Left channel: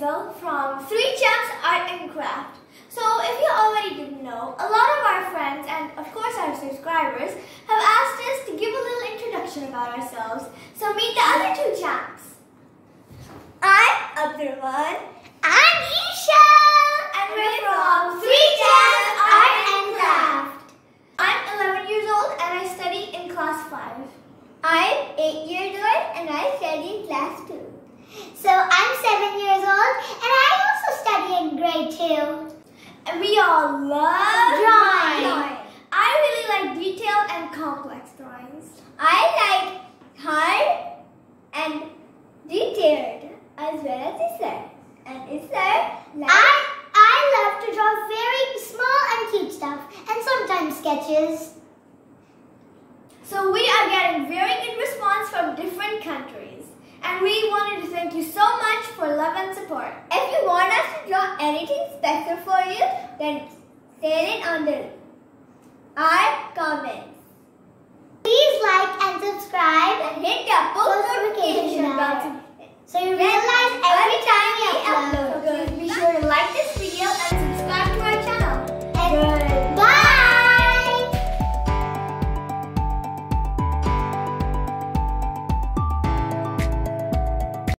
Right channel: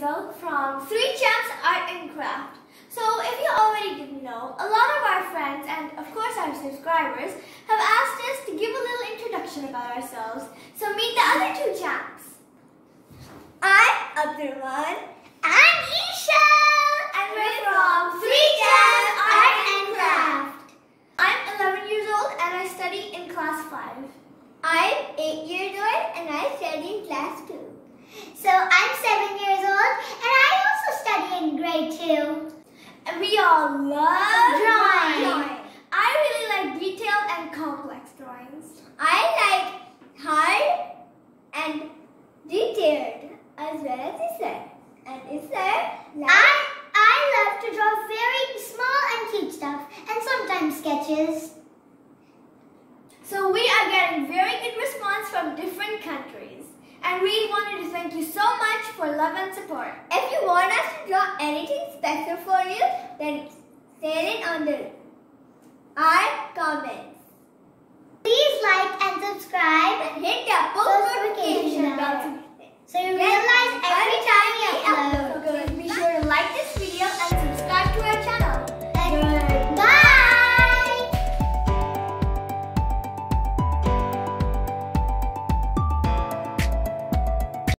Izzal from 3 Champs Art and Craft. So if you already didn't know, a lot of our friends and of course our subscribers have asked us to give a little introduction about ourselves. So meet the other 2 champs. I'm Abdul Rehman and Eeshal, and we're from 3 Champs Art and Craft. I'm 11 years old and I study in class 5. I'm 8 years old and I study in class 2. So I'm 7 years old and I also study in grade 2. And we all love Drawing. I really like detailed and complex drawings. I like hard and detailed as well as Izzal. And Izzal likes... I love to draw very small and cute stuff and sometimes sketches. So we are getting very good response from different countries. And we wanted to thank you so much for love and support. If you want us to draw anything special for you, then say it under our comments. Please like and subscribe and hit the post notification bell so you're